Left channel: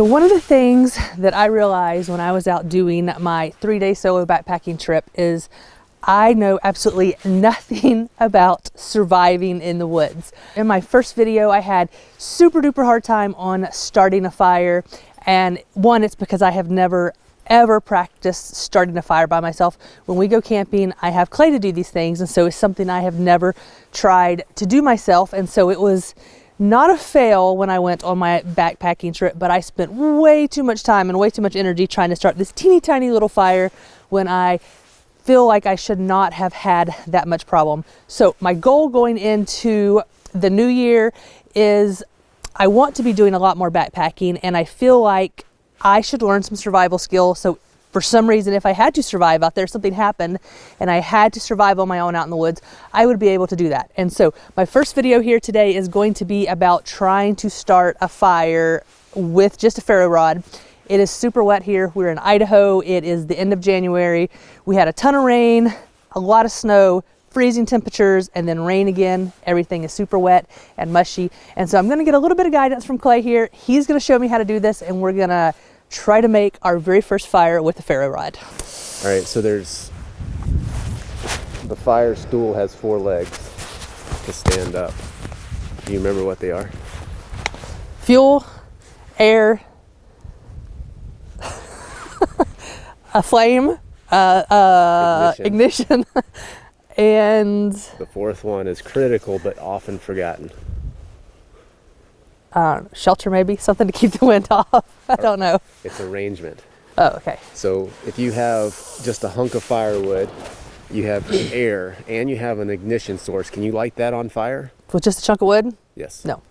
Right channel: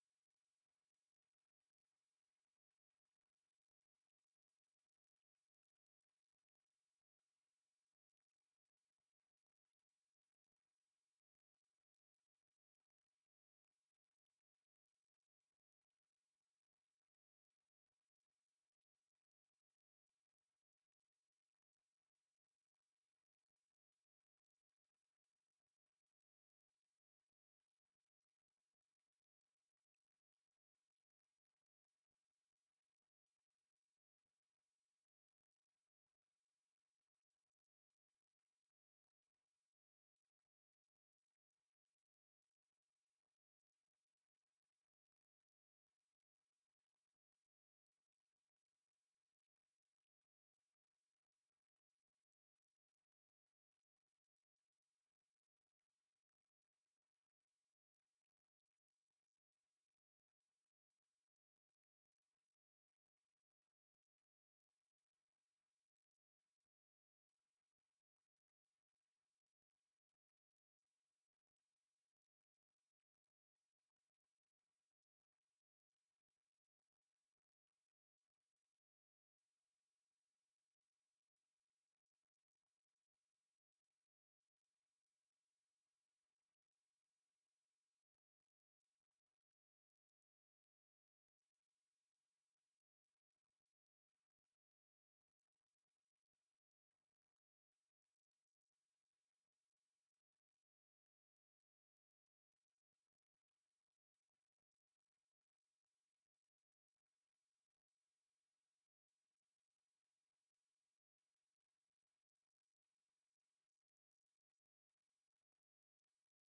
So one of the things that I realized when I was out doing my 3-day solo backpacking trip is I know absolutely nothing about surviving in the woods. In my first video, I had super duper hard time on starting a fire. And one, it's because I have never ever practiced starting a fire by myself. When we go camping, I have clay to do these things. And so it's something I have never tried to do myself. And so it was not a fail when I went on my backpacking trip, but I spent way too much time and way too much energy trying to start this teeny tiny little fire when I feel like I should not have had that much problem. So my goal going into the new year is I want to be doing a lot more backpacking, and I feel like I should learn some survival skills. So for some reason, if I had to survive out there, something happened and I had to survive on my own out in the woods, I would be able to do that. And so my first video here today is going to be about trying to start a fire with just a ferro rod. It is super wet here. We're in Idaho. It is the end of January. We had a ton of rain, a lot of snow, freezing temperatures, and then rain again. Everything is super wet and mushy. And so I'm gonna get a little bit of guidance from Clay here. He's gonna show me how to do this, and we're gonna try to make our very first fire with a ferro rod. All right, so the fire stool has 4 legs to stand up. Do you remember what they are? Fuel, air, a flame, ignition, and the 4th one is critical but often forgotten. Shelter, maybe something to keep the wind off. I don't know. It's arrangement. Oh, okay. So if you have just a hunk of firewood, you have air, and you have an ignition source, can you light that on fire? With just a chunk of wood? Yes. No.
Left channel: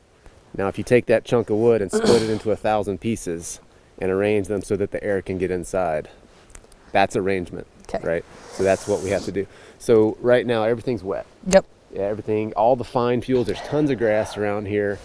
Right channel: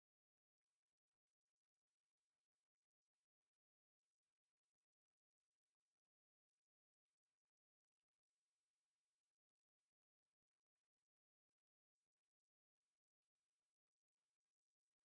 Now if you take that chunk of wood and split it into 1,000 pieces and arrange them so that the air can get inside, that's arrangement. Okay. Right? So that's what we have to do. So right now everything's wet. Yep. Yeah, everything, all the fine fuels, there's tons of grass around here.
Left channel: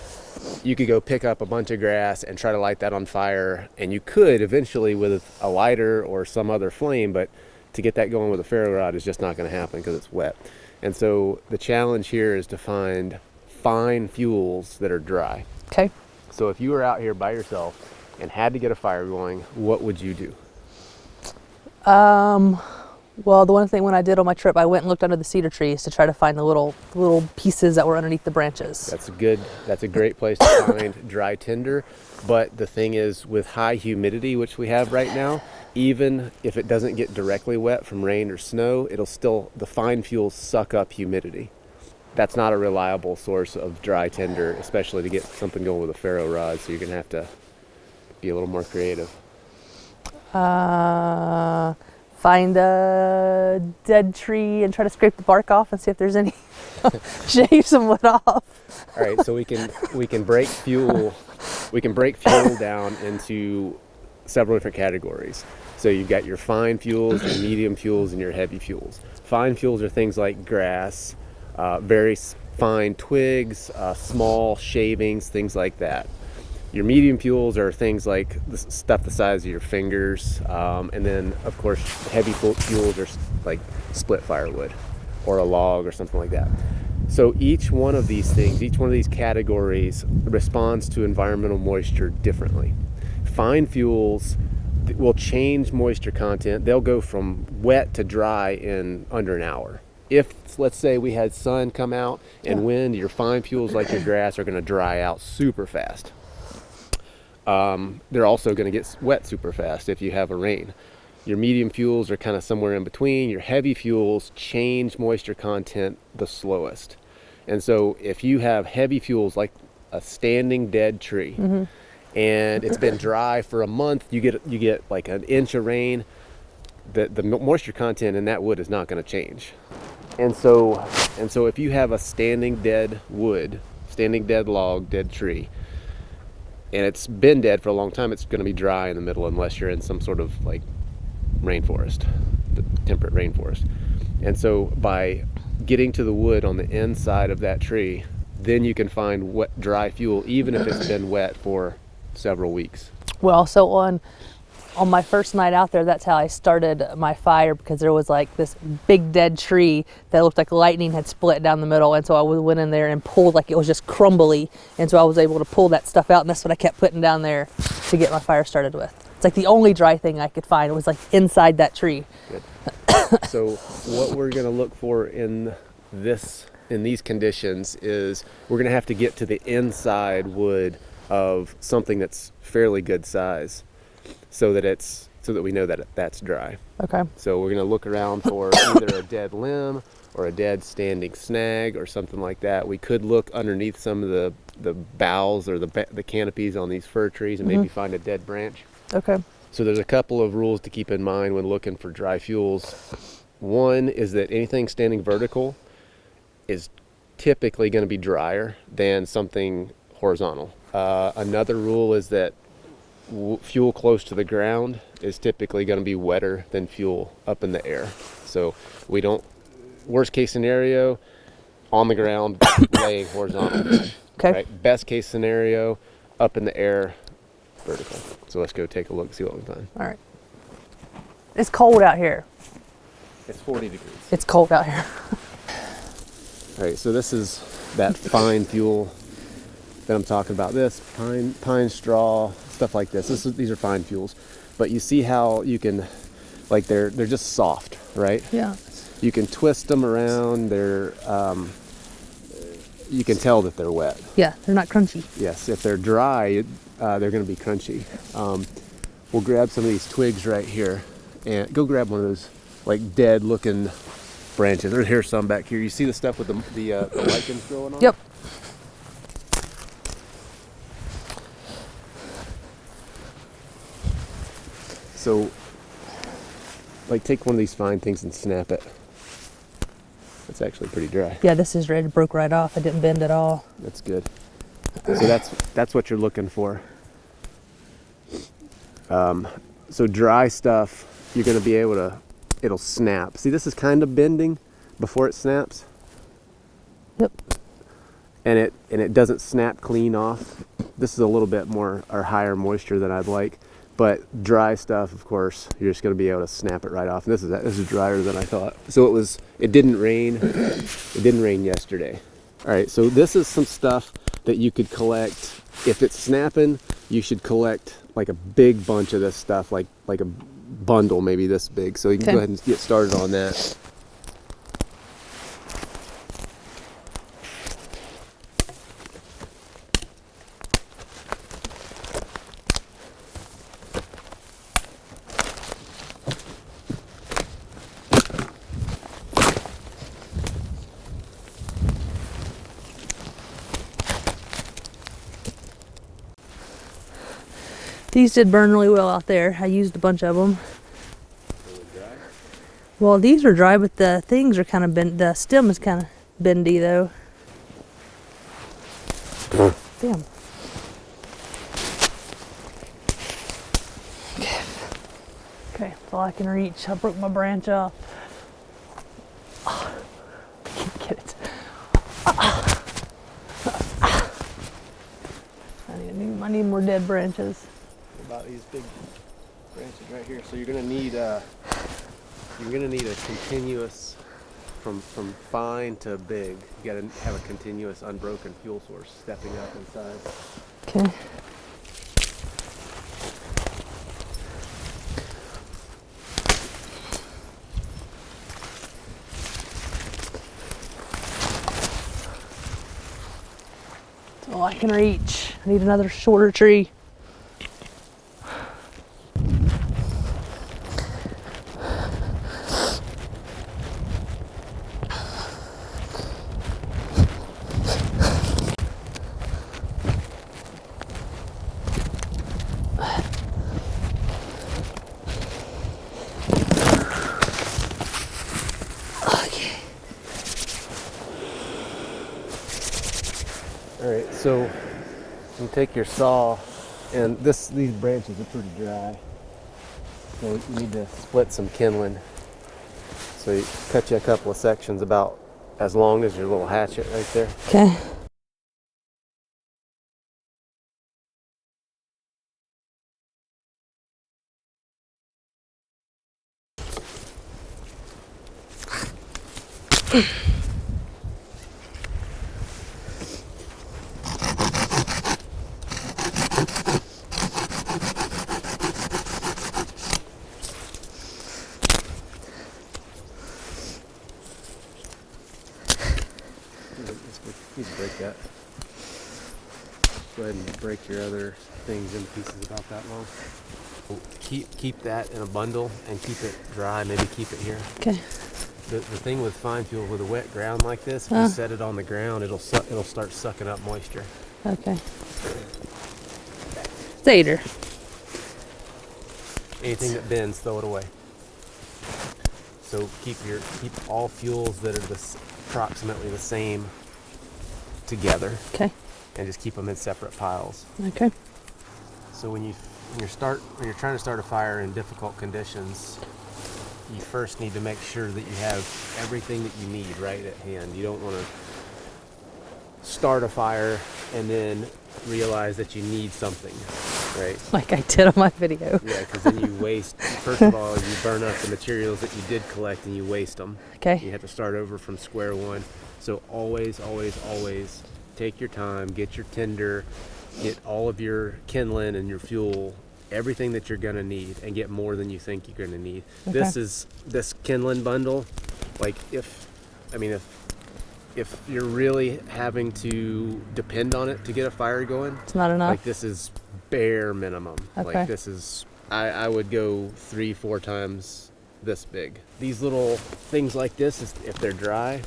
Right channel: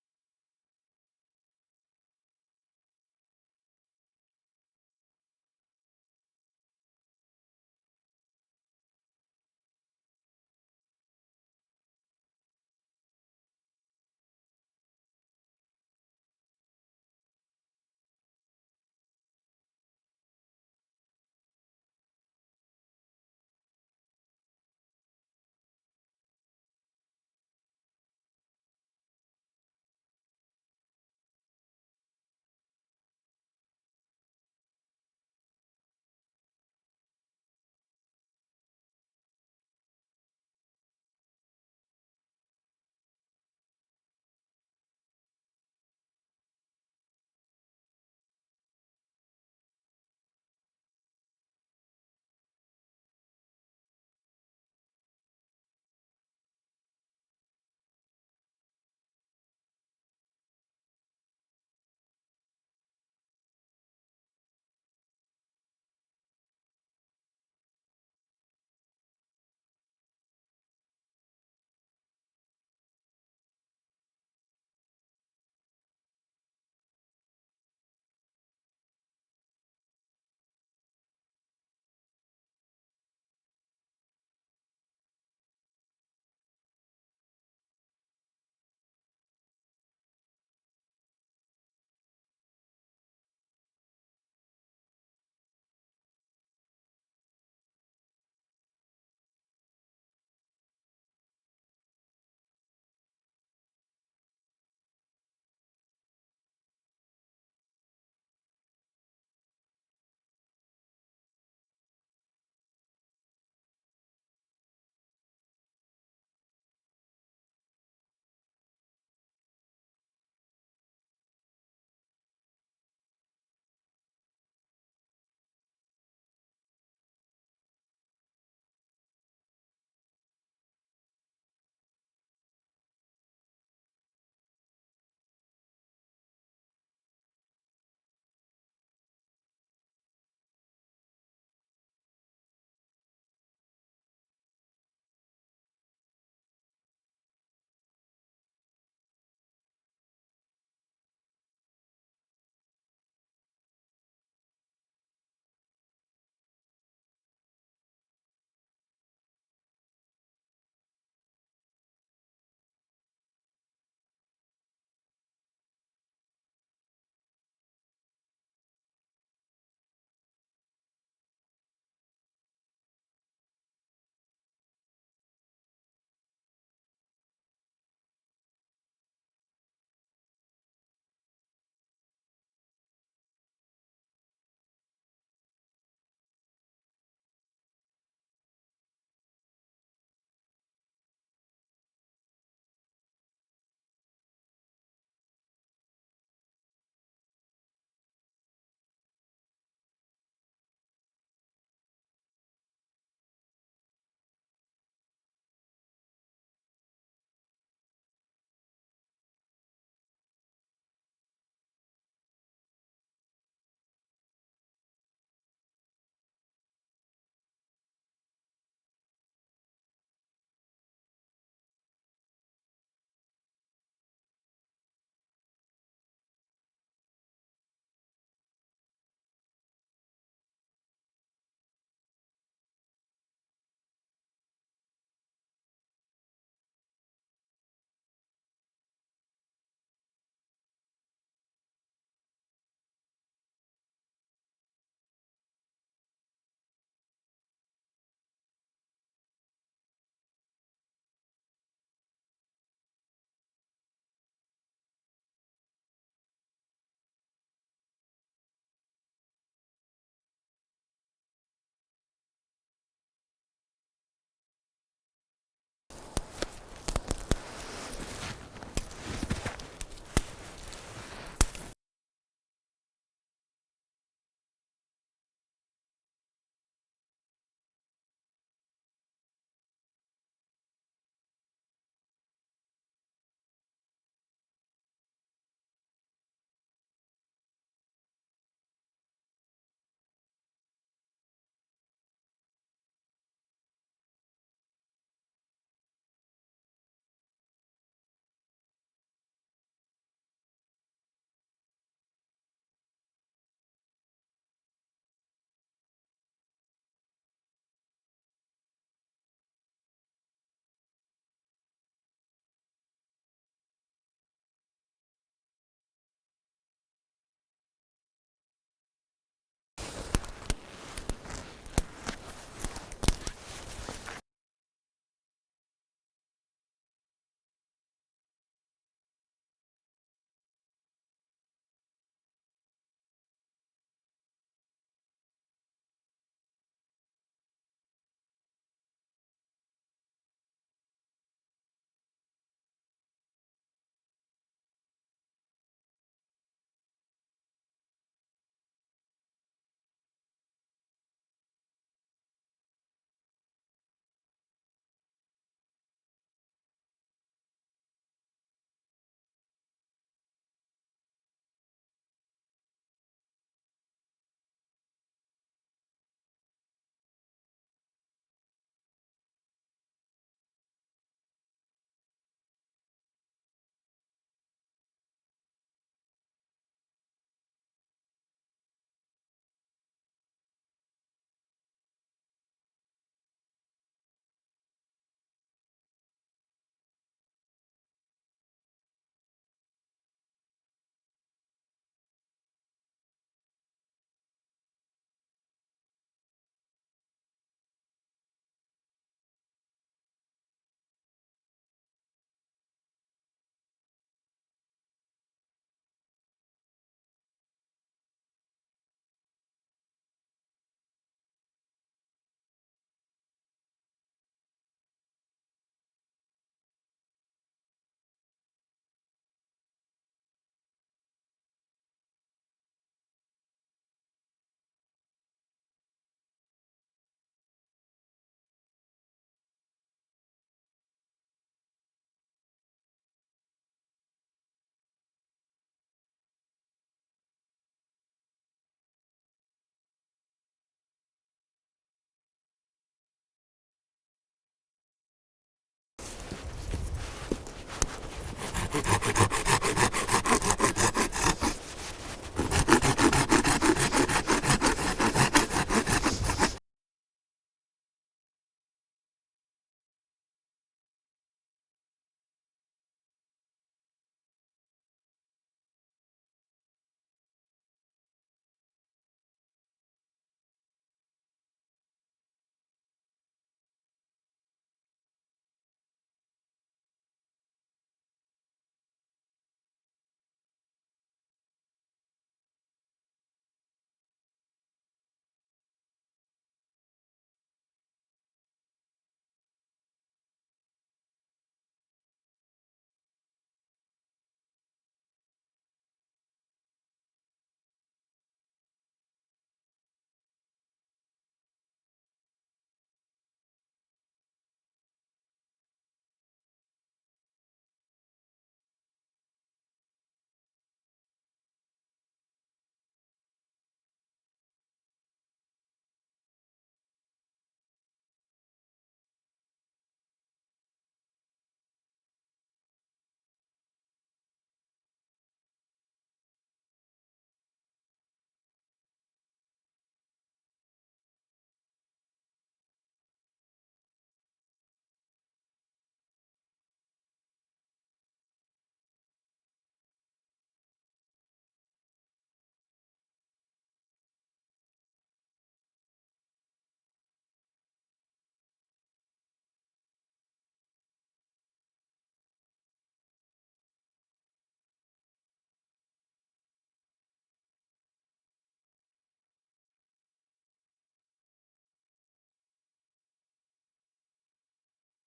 You could go pick up a bunch of grass and try to light that on fire, and you could eventually with a lighter or some other flame, but to get that going with a ferro rod is just not going to happen because it's wet. And so the challenge here is to find fine fuels that are dry. Okay. So if you were out here by yourself and had to get a fire going, what would you do? Well, the one thing when I did on my trip, I went and looked under the cedar trees to try to find the little pieces that were underneath the branches. That's a great place to find dry tinder. But the thing is, with high humidity, which we have right now, even if it doesn't get directly wet from rain or snow, the fine fuels suck up humidity. That's not a reliable source of dry tinder, especially to get something going with a ferro rod. So you're gonna have to be a little more creative. Find a dead tree and try to scrape the bark off and see if there's any, shave some wood off. All right, so we can break fuel down into several different categories. So you've got your fine fuels, your medium fuels, and your heavy fuels. Fine fuels are things like grass, very fine twigs, small shavings, things like that. Your medium fuels are things like the stuff the size of your fingers, and then of course heavy fuels are like split firewood or a log or something like that. So each one of these things, each one of these categories responds to environmental moisture differently. Fine fuels will change moisture content. They'll go from wet to dry in under an hour. If, let's say, we had sun come out and wind, your fine fuels like your grass are going to dry out super fast. They're also going to get wet super fast if you have a rain. Your medium fuels are kind of somewhere in between. Your heavy fuels change moisture content the slowest. And so if you have heavy fuels like a standing dead tree, and it's been dry for a month, you get like an inch of rain, the moisture content in that wood is not going to change. And so if you have a standing dead log, dead tree, and it's been dead for a long time, it's going to be dry in the middle unless you're in some sort of like rainforest, the temperate rainforest. And so by getting to the wood on the inside of that tree, then you can find wet, dry fuel, even if it's been wet for several weeks. Well, so on on my first night out there, that's how I started my fire, because there was like this big dead tree that looked like lightning had split down the middle. And so I went in there and pulled, like it was just crumbly. And so I was able to pull that stuff out, and that's what I kept putting down there to get my fire started with. It's like the only dry thing I could find. It was like inside that tree. Good. So what we're going to look for in these conditions is we're going to have to get to the inside wood of something that's fairly good size, so that we know that that's dry. Okay. So we're going to look around for either a dead limb or a dead standing snag or something like that. We could look underneath some of the boughs or the canopies on these fir trees and maybe find a dead branch. Okay. So there's a couple of rules to keep in mind when looking for dry fuels. One is that anything standing vertical is typically going to be drier than something horizontal. Another rule is that fuel close to the ground is typically going to be wetter than fuel up in the air. So we don't, worst case scenario, on the ground, laying horizontal. Okay. Right? Best case scenario, up in the air, vertical. So let's go take a look and see what we find. All right. It's cold out here. It's 40 degrees. It's cold out here. All right, so this is that fine fuel that I'm talking about. This pine straw, stuff like this. These are fine fuels, but you see how you can, like they're just soft, right? Yeah. You can twist them around. You can tell that they're wet. Yeah, they're not crunchy. Yes, if they're dry, they're going to be crunchy. We'll grab some of these twigs right here, and go grab one of those like dead-looking branches. Here's some back here. You see the stuff with the lichens growing on? Yep. So, like, take one of these fine things and snap it. It's actually pretty dry. Yeah, this is ready. It broke right off. It didn't bend at all. That's good. So that's what you're looking for. So dry stuff, you're going to be able to, it'll snap. See, this is kind of bending before it snaps. Yep. And it doesn't snap clean off. This is a little bit more or higher moisture than I'd like. But dry stuff, of course, you're just going to be able to snap it right off. And this is drier than I thought. So it didn't rain. It didn't rain yesterday. All right, so this is some stuff that you could collect. If it's snapping, you should collect like a big bunch of this stuff, like a bundle maybe this big. So you can go ahead and get started on that. These did burn really well out there. I used a bunch of them. Well, these are dry, but the things are kind of bent. The stem is kind of bendy, though. Damn. Okay, that's all I can reach. I broke my branch off. Oh, I can't get it. I need more dead branches. About these big branches right here. So you're gonna need a continuous from fine to big. You gotta have a continuous unbroken fuel source stepping up in size. Okay. That's all I can reach. I need another shorter tree. All right, so you take your saw, and these branches are pretty dry, so you need to split some kindling. So you cut you a couple of sections about as long as your little hatchet right there. Okay. Need to break that. Go ahead and break your other things in pieces about that long. Keep that in a bundle and keep it dry. Maybe keep it here. Okay. The thing with fine fuel with a wet ground like this, if you set it on the ground, it'll start sucking up moisture. Okay. Later. Anything that bends, throw it away. So keep all fuels that are approximately the same together. Okay. And just keep them in separate piles. Okay. So when you're trying to start a fire in difficult conditions, you first need to make sure that you have everything that you need right at hand. You don't want to start a fire and then realize that you need something, right? Like I did on my video. Yeah, because then you waste. First of all, you burn up the materials that you did collect and you waste them. Okay. You have to start over from square one. So always, always, always take your time, get your tinder, get all of your kindling and your fuel, everything that you're gonna need, and get more than you think you're gonna need. Okay. This kindling bundle, like if you're really having to depend on it to get a fire going, It's not enough. like this is bare minimum. Okay. Like this is, I would go 3-4 times this big. These little things like this, if they're dry,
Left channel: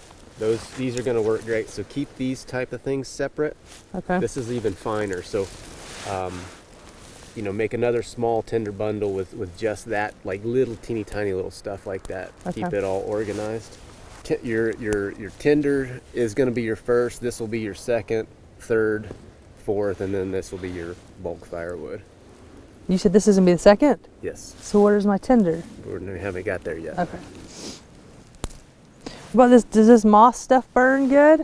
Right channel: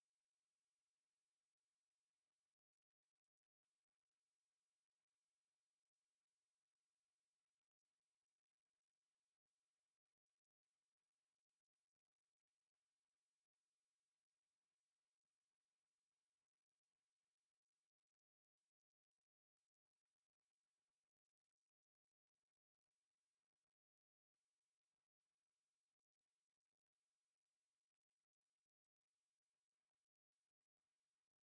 these are going to work great. So keep these type of things separate. Okay. This is even finer. So, make another small tinder bundle with just that, like little teeny tiny little stuff like that. Okay. Keep it all organized. Your tinder is going to be your first. This will be your second, third, fourth, and then this will be your bulk firewood. You said this is gonna be the second? Yes. So where's my tinder? We haven't got there yet. Okay. What about this? Does this moss stuff burn good?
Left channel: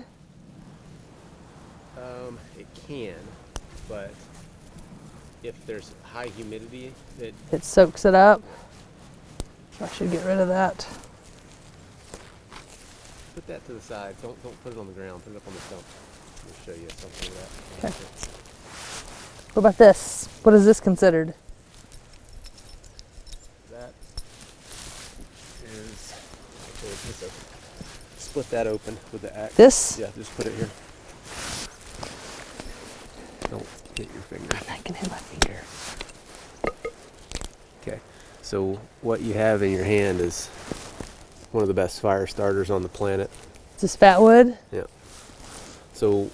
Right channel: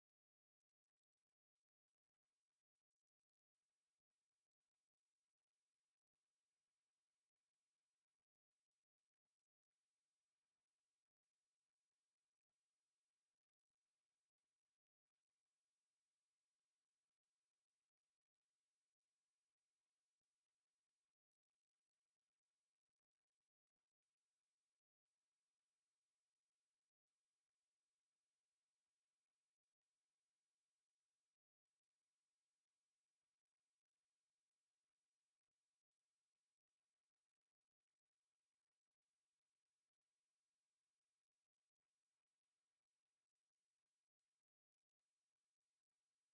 It can, but if there's high humidity, It soaks it up. I should get rid of that. put that to the side. Don't put it on the ground. Put it up on the stump. I'll show you something of that. Okay. What about this? What is this considered? That is. Split that open with the axe. This? Yeah, just put it here. Don't hit your finger. I can hit my finger. Okay. So what you have in your hand is one of the best fire starters on the planet. Is this fat wood? Yeah. So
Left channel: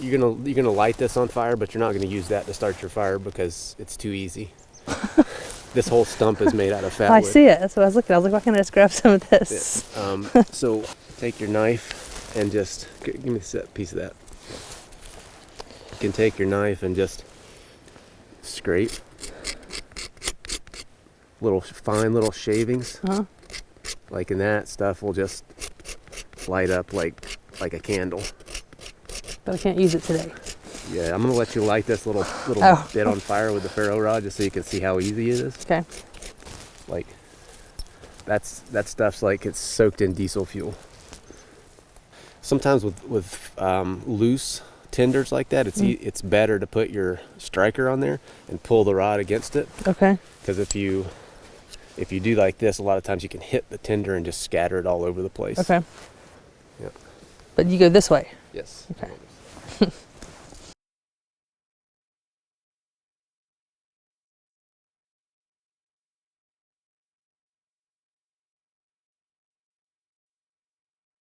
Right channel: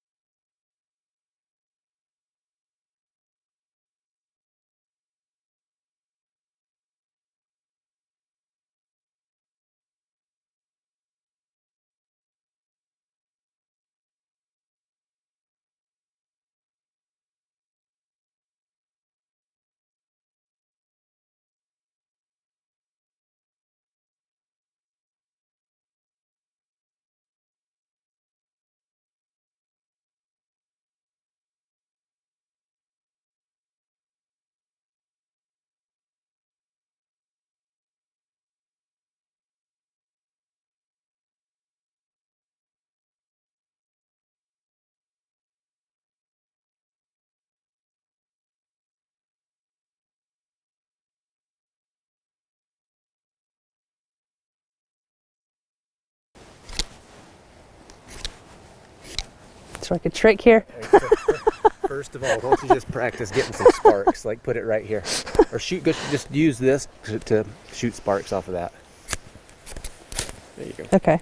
you're gonna light this on fire, but you're not gonna use that to start your fire because it's too easy. This whole stump is made out of fat I wood. see it. That's what I was looking at. I was like, why can't I just grab some of this? Yeah. So take your knife and just give me a piece of that. You can take your knife and just scrape fine little shavings. Uh-huh. Like, and that stuff will just light up like a candle. But I can't use it today. Yeah, I'm gonna let you light this little Oh. bit on fire with the ferro rod just so you can see how easy it is. Okay. Like, that stuff's like it's soaked in diesel fuel. Sometimes with loose tinders like that, it's better to put your striker on there and pull the rod against it. Okay. Because if you do like this, a lot of times you can hit the tinder and just scatter it all over the place. Okay. Yeah. But you go this way. Yes. Okay. So like a trick here. First of all, don't you just practice getting some sparks? Like put it right here, or just use this to shoot sparks off of that. There you go. Okay.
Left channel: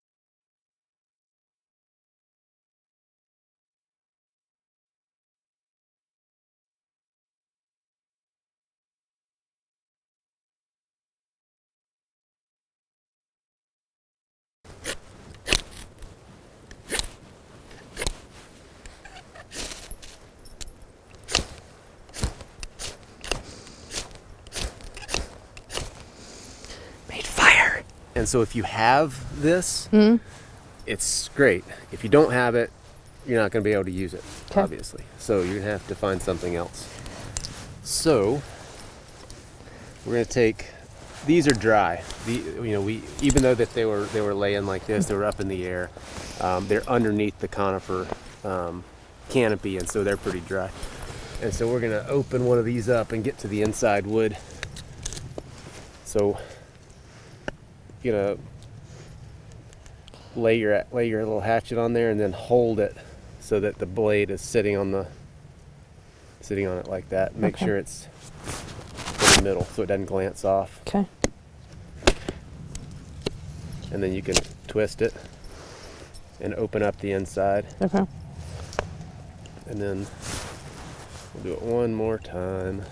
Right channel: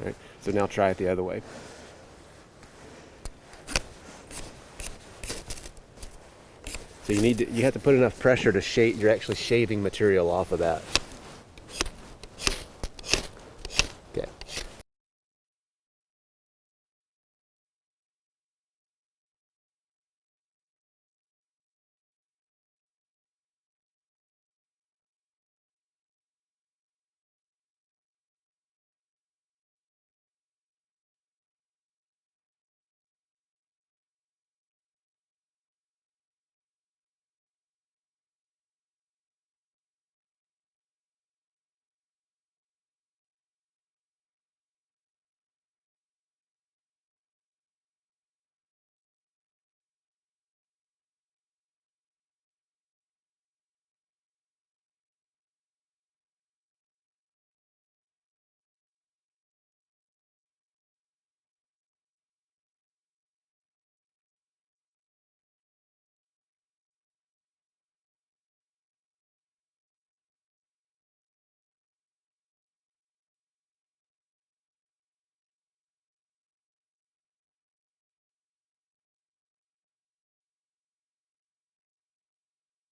All right. So now try it the other way. So you have to put enough pressure to shade. You're actually shaving material off of that. Okay. Made fire. And so if you have this, Mm-hmm. it's great. If you don't have it, you're not going to be able to use it, Okay. obviously. So you're going to have to find something else. So we're going to take these are dry. Even though that they were laying like this, they were up in the air. They're underneath the conifer canopy, and so they're pretty dry. And so we're gonna open one of these up and get to the inside wood. So you're gonna lay your little hatchet on there and then hold it so that the blade is sitting on it like that. Make sure it's in the middle so it doesn't glance off. Okay. And then you can twist it and open up the inside. Okay. And then we'll do it one more time.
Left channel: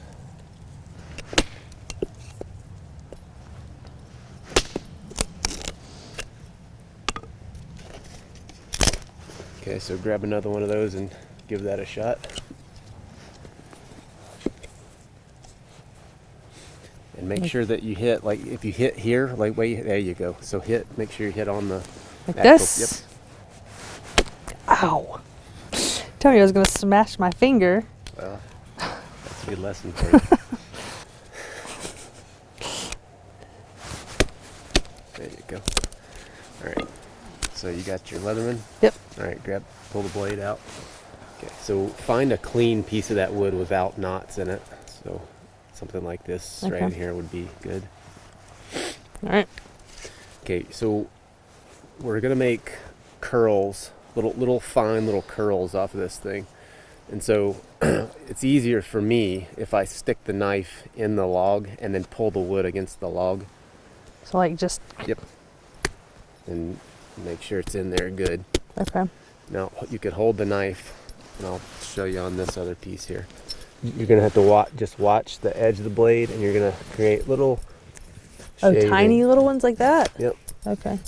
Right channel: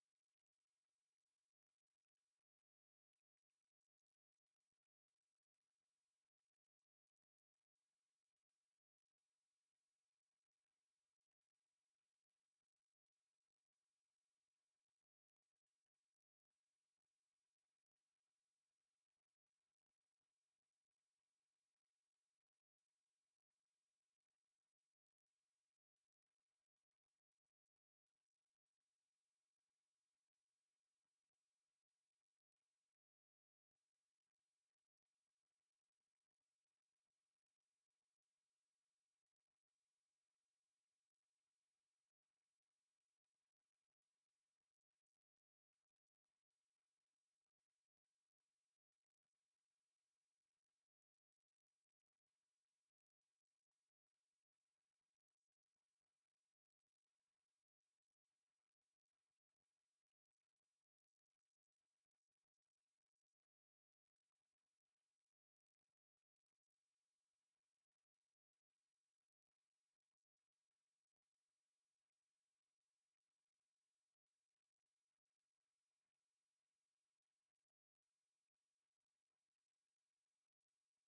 Okay, so grab another one of those and give that a shot. And make sure that you hit, like if you hit here, like there you go. So make sure you hit on the Like actual, this? Yep. Ow. Tell me I was going to smash my finger. Well, that's a good lesson for you. There you go. All right. So you got your Leatherman? Yep. All right, pull the blade out. Okay, so find a clean piece of that wood without knots in it. So something like this right in here would be good. All right. Okay, so we're gonna make curls, little fine little curls off of this thing. And so it's easier for me if I stick the knife in the log and then pull the wood against the log. So like just... Yep. And make sure it's in there good. Okay. Now you could hold the knife, and I'll show you on this other piece here. You're gonna have to just watch the edge of the blade, and you're gonna create little tiny little ones like that? Yep. Okay.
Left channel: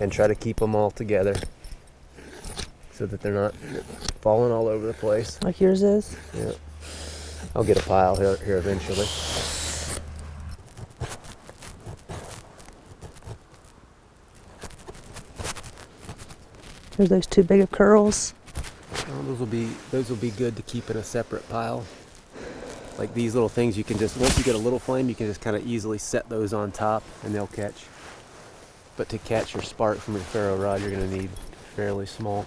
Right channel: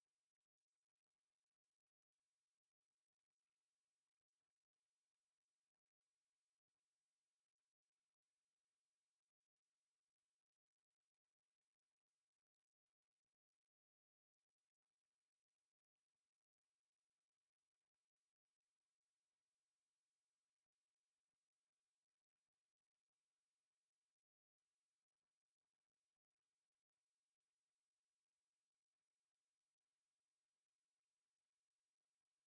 And try to keep them all together so that they're not falling all over the place. Like yours is? Yeah. I'll get a pile here eventually. There's those two big of curls. Well, those will be good to keep in a separate pile. Like these little things, you can just, once you get a little flame, you can just kind of easily set those on top and they'll catch. But to catch your spark from your ferro rod, you're going to need fairly small.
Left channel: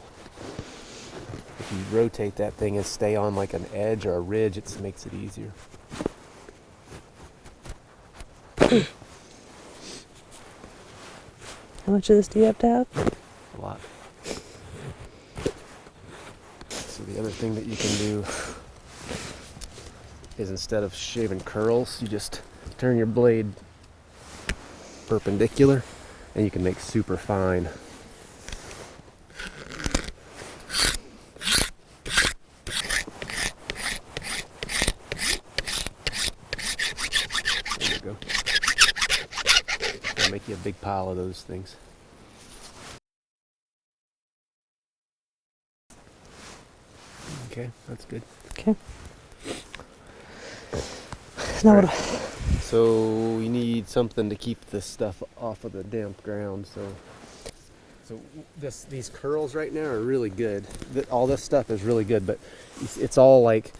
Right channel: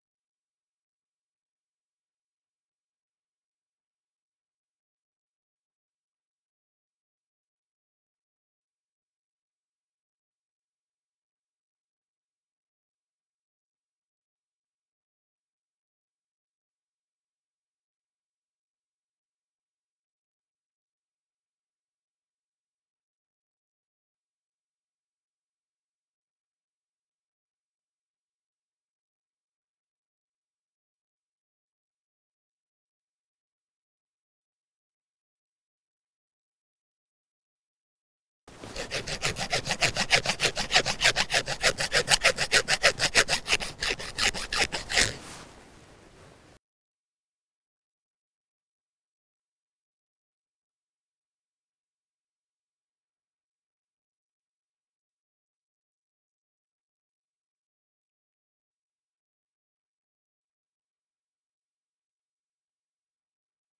If you rotate that thing and stay on like an edge or a ridge, it makes it easier. How much of this do you have to have? A lot. So the other thing that you can do is instead of shaving curls, you just turn your blade perpendicular and you can make super fine. There you go. And make you a big pile of those things. Okay, that's good. Okay. Now Right. what? So you need something to keep this stuff off of the damp ground. So these curls right now are really good. All this stuff is really good, but it's all like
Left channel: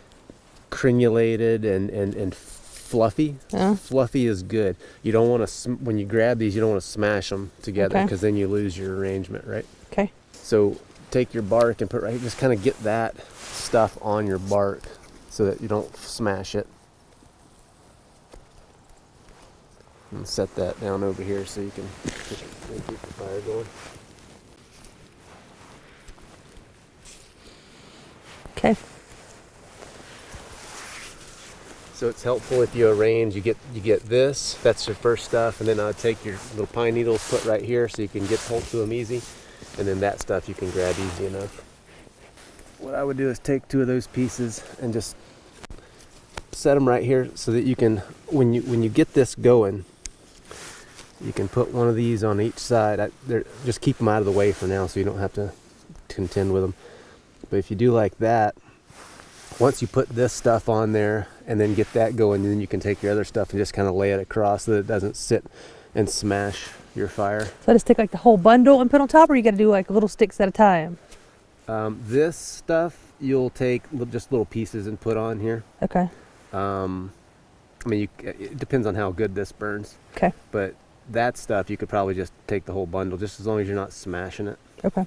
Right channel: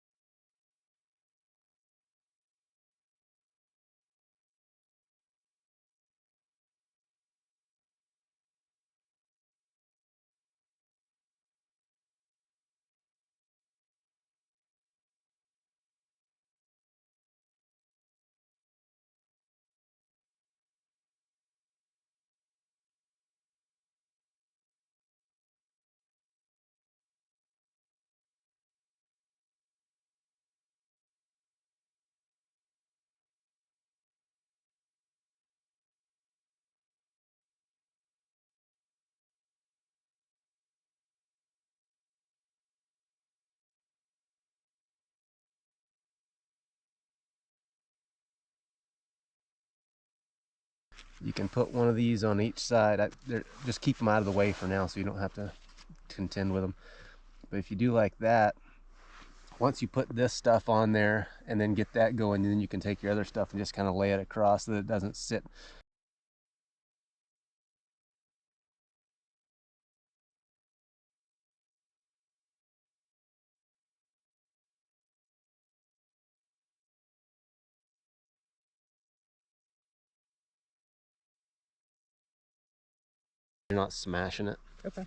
crenulated and fluffy. Yeah. Fluffy is good. You don't want to when you grab these, you don't want to smash them together because then you lose your arrangement, right? Okay. So take your bark and just kind of get that stuff on your bark so that you don't smash it. And set that down over here so you can keep the fire going. Okay. So it's helpful if you arrange. You get this. That's your first stuff, and then I'll take your little pine needles, put right here, so you can get hold to them easy, and then that stuff you can grab easy enough. What I would do is take two of those pieces and just set them right here so that you can, when you get this going, you can put one of these on each side. Just keep them out of the way for now so you don't have to contend with them. But if you do like that, once you put this stuff on there and then get that going, then you can take your other stuff and just kind of lay it across so that it doesn't sit and smash your fire. So I just take like the whole bundle and put on top, or you got to do like little sticks at a time? This stuff you'll take just little pieces and put on here. Okay. I mean, it depends on how good this burns. Okay. But that stuff, you could probably just take the whole bundle, just as long as you're not smashing it. Okay.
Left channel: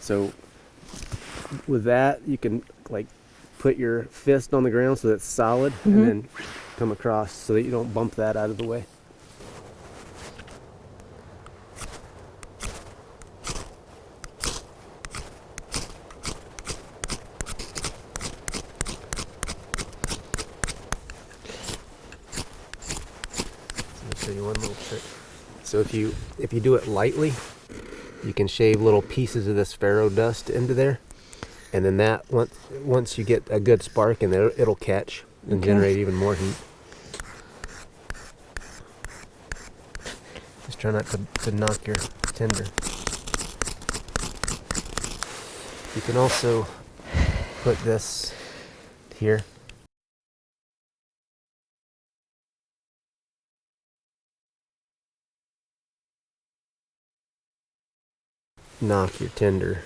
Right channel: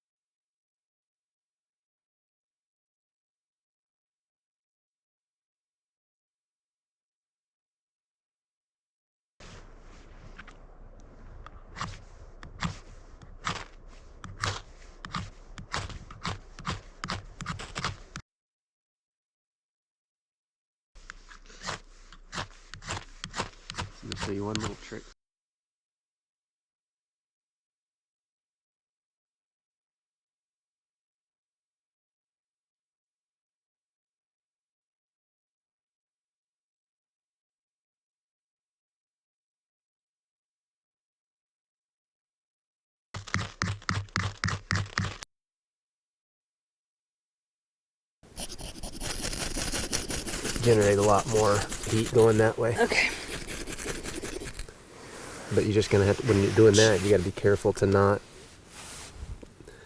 So with that, you can like put your fist on the ground so that it's solid, and then come across so that you don't bump that out of the way. So if you do it lightly, you can shave little pieces of this ferro dust into there, and then that once you get a good spark in there, it'll catch and generate even more heat. Just try not to knock your tinder. You can also put this here, generate a lot more heat going that way. Okay. But you're just gonna have to, when you're doing that, you gotta be careful to not knock your tinder.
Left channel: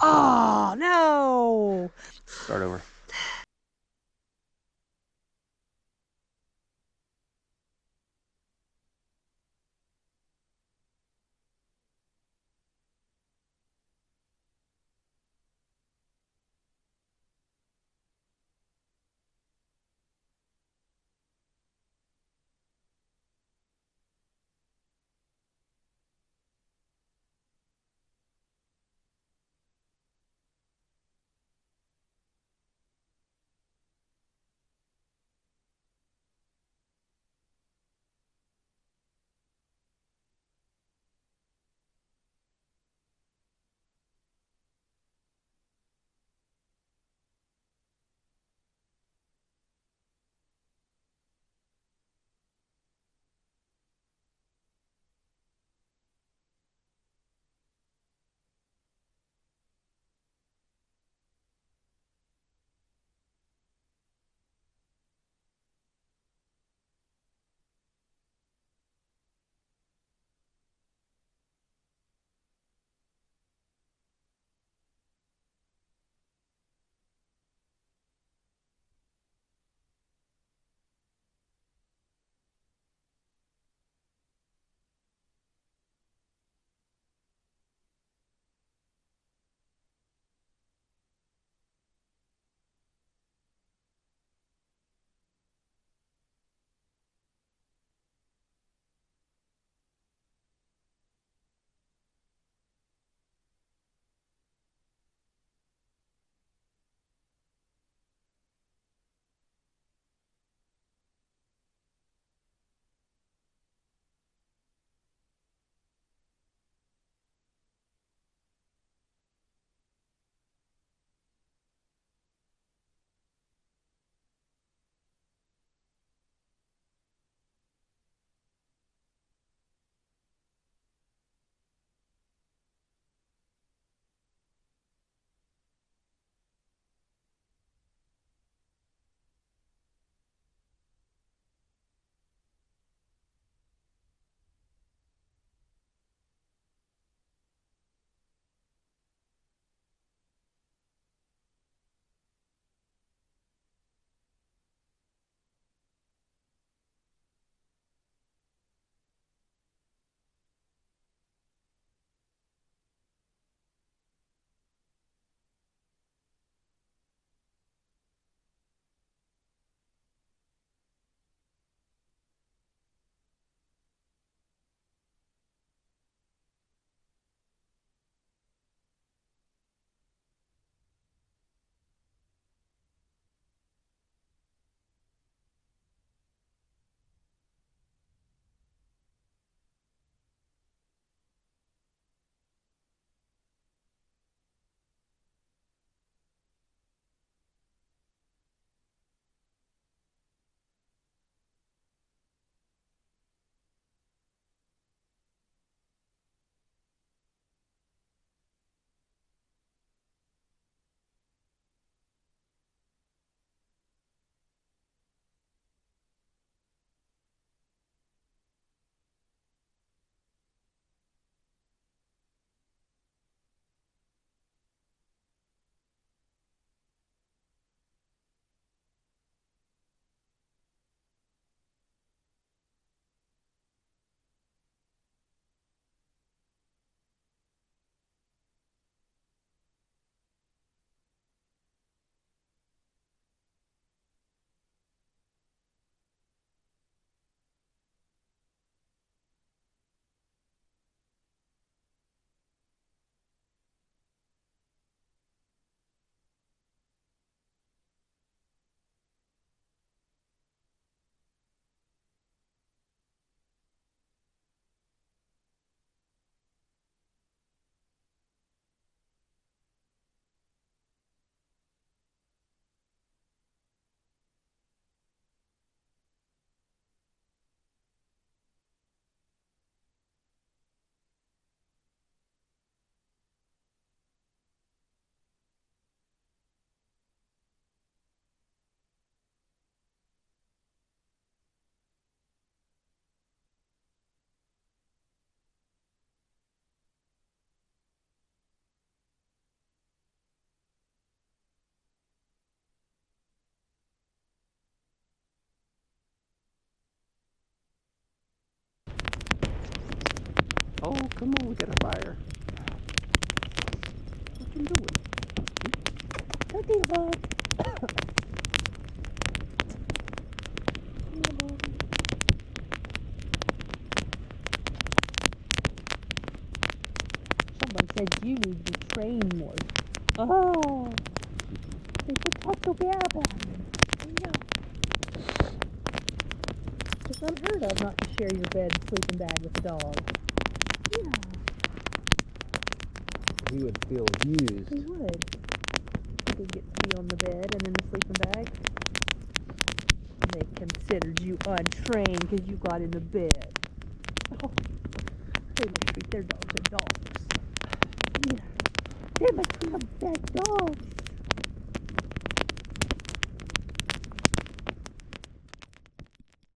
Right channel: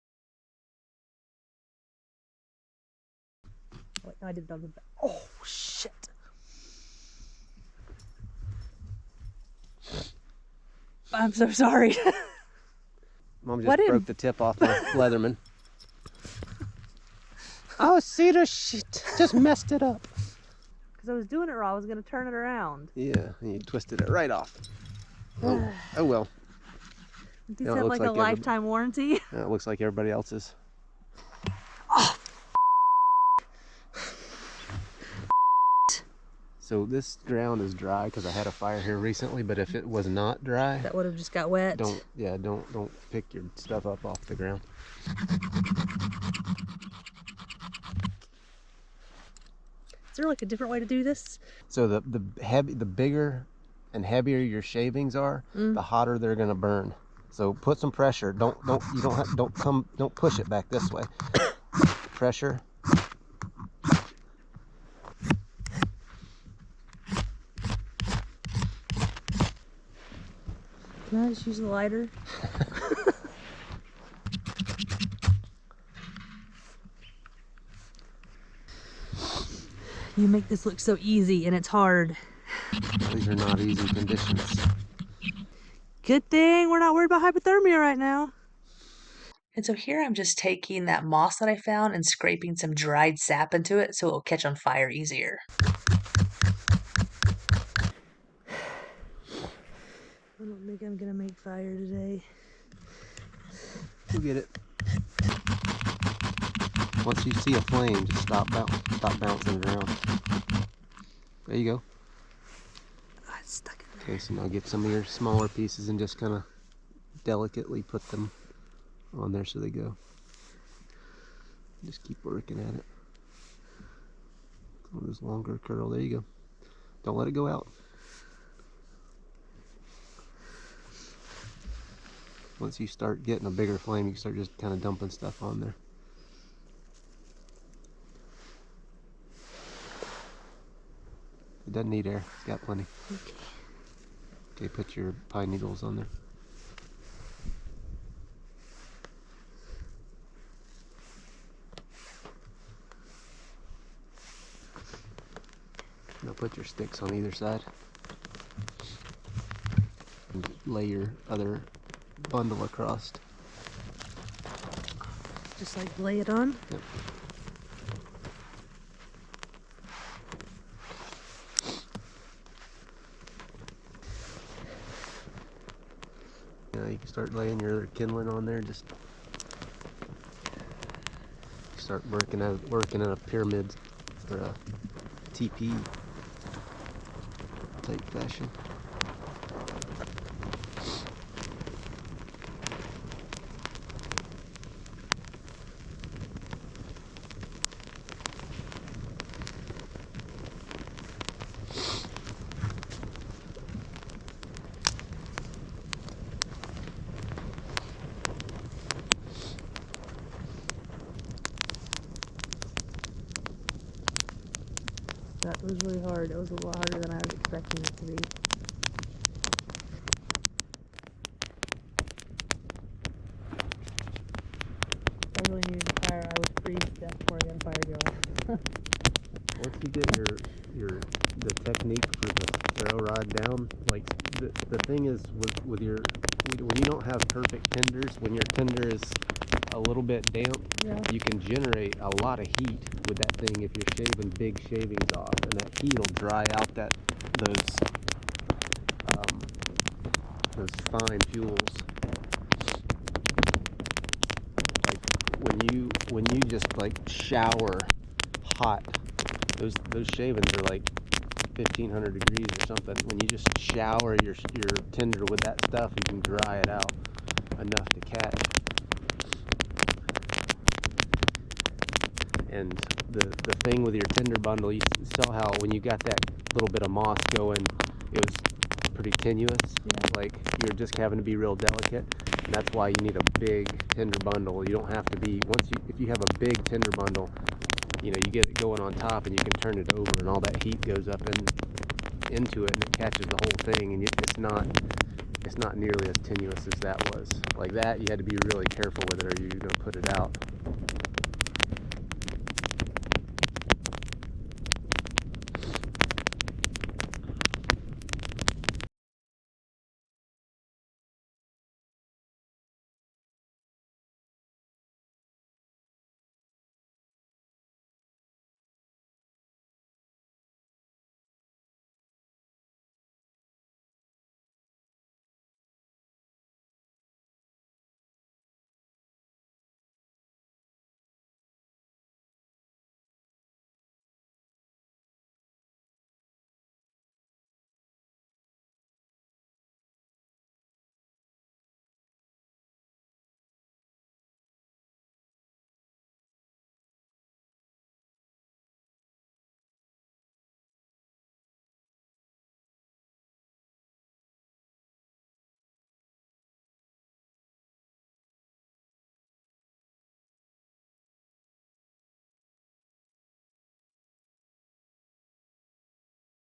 Oh, no. Start over. Wait, no, I did that. Oh, shit. I'm so sorry. Mom just broke the tip off my Leatherman. Oh, Cedar shit, just messed it up. Because I was doing it wrong. I was going to turn it around. Yeah, and you twisted it right off. Oh, oh well. Does it have like a lifetime warranty? It looks like everybody else's. Oh. So this ground is dry because I had a fire here recently, but if it was not dry, that would have just got wet. Don't pick your stuff up off the ground. Is there like a different way to do this? So the bigger and heavier your shavings are, the hotter they're gonna burn. So put some pressure. Don't push it back this way. Pressure. Can I just use the lighter? You make this look so easy, and it's hard. These are not easy conditions. Good thing we're not worried about hypothermia right now. And so here I'm just taking that moss that I found and scraping some dried sap into it so it'll catch on fire easier. I don't think I'm gonna make fire today. You'll get it. Once you see a flame, just stop bouncing it around. There you go. Oh, it's stuck in there. Okay, so now get some of your smaller pieces and just kind of delicately put them on there so they go. Just keep working at it. Oh, this longer curl. There you go. Don't let it go out. Once you start getting a bigger flame, you can start just kind of dumping stuff on there. It doesn't need air. It's got plenty. Okay. Okay, put your pine needles on there. Now put your sticks on either side. And lay your other bundle across. Just like lay it on? Yep. Now you can start laying your other kindling on there. Just start working at a pyramid or a TP type fashion. That was really hard. It was a lot harder than I was expecting it to be. I really needed to fire. I was freezing to death before I got a fire going. you get the technique for the ferro rod down, like the thing is with your when you don't have perfect tenders, when your tender is a little bit damp, you can generate a lot of heat with that thing if you're shaving big shavings off, and that heat will dry out those fine fuels. Like when you just like shower hot, those shavings are like 1,500 degrees or something. When you just shower your tinder with that stuff, you can dry it out enough to catch. And the thing with your tinder bundle, you saw how when you got that little bit of moss going, it was pretty tenuous. Like you're just having to be real delicate, and that's why you need a big tinder bundle. You don't have to be if you have a big tinder bundle, you get it going on top, and you can turn it over, and all that heat goes up into it, and it catches the whole thing, and it's not nearly as tenuous as that was. Like that, you had to be really careful with it, or you're gonna put it out. Oh, come on, we got a fire. What you doing? Cookie bug. Someone said you need to train more. Oh, people talk so bad about me. I know. It's unheard of not to share your bed and sleeping bag with the dog. Yeah. He would feel abused. He would. He did get to be on the bed and in the sleeping bag. They considered you untrained because you got in the bed. Oh, they must treat their dogs as dogs. Yeah. They must be the best dogs.